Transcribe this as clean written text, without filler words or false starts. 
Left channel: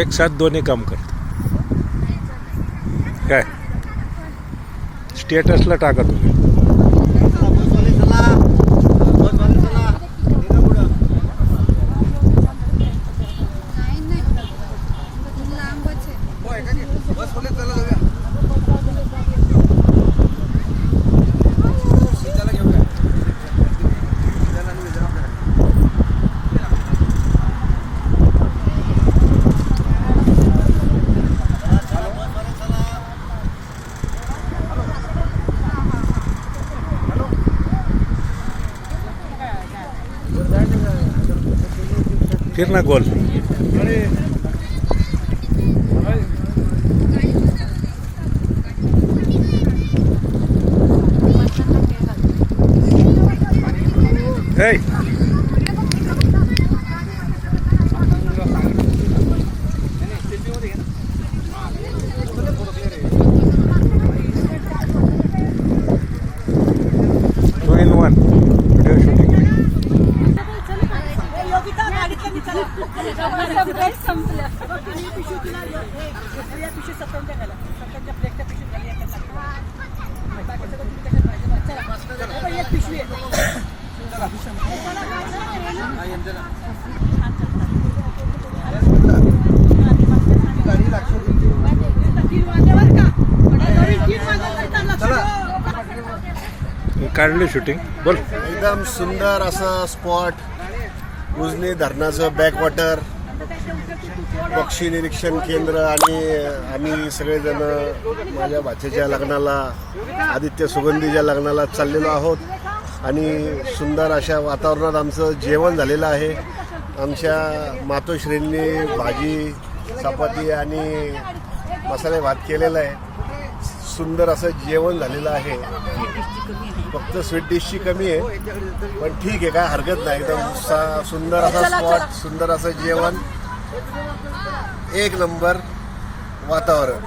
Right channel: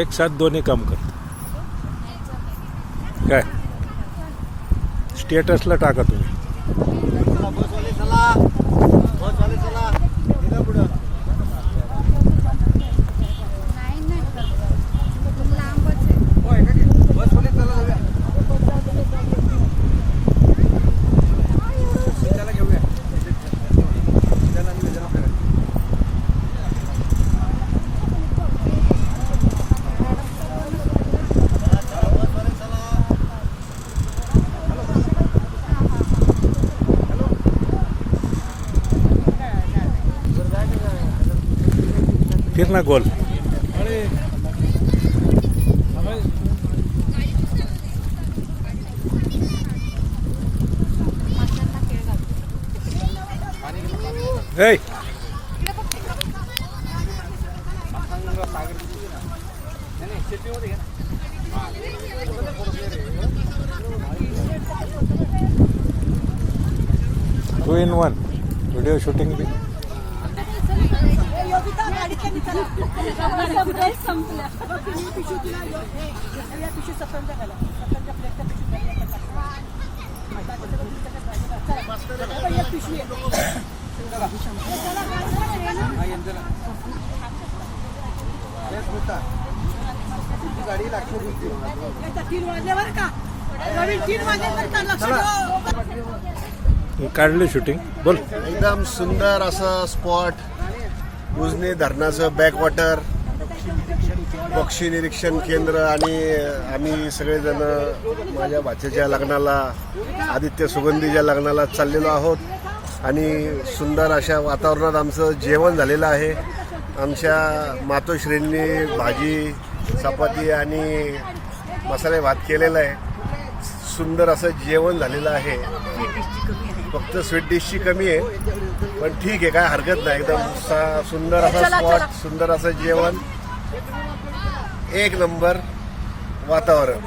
एक साथ दोन्ही काम करत काय स्टेटसला टाका तुम्ही. फिर ना गोल. Hey. Two in one. Video shooting में. काढली शूटिंग बोल. एकदम सुंदर असं स्पॉट, उजनी धरणाचं बॅकवॉटर, पक्षी निरीक्षण केंद्र आणि आम्ही सगळेजण माझ्या भाच्याच्या लग्नाला, आदित्य सुगंधीच्या लग्नाला चाललेलो आहोत आणि सुंदर अशा वातावरणात आमचं जेवण झालेलं आहे. आमच्या मातोश्रींनी भाजी, चपाती आणि मसाले भात केलेला आहे. सुंदर असं जेवण झालेलं आहे. फक्त स्वीट डिशची कमी आहे पण ठीक आहे, काय हरकत नाही. एकदम सुंदर असा स्पॉट, सुंदर असं जेवण, एक नंबर वातावरण.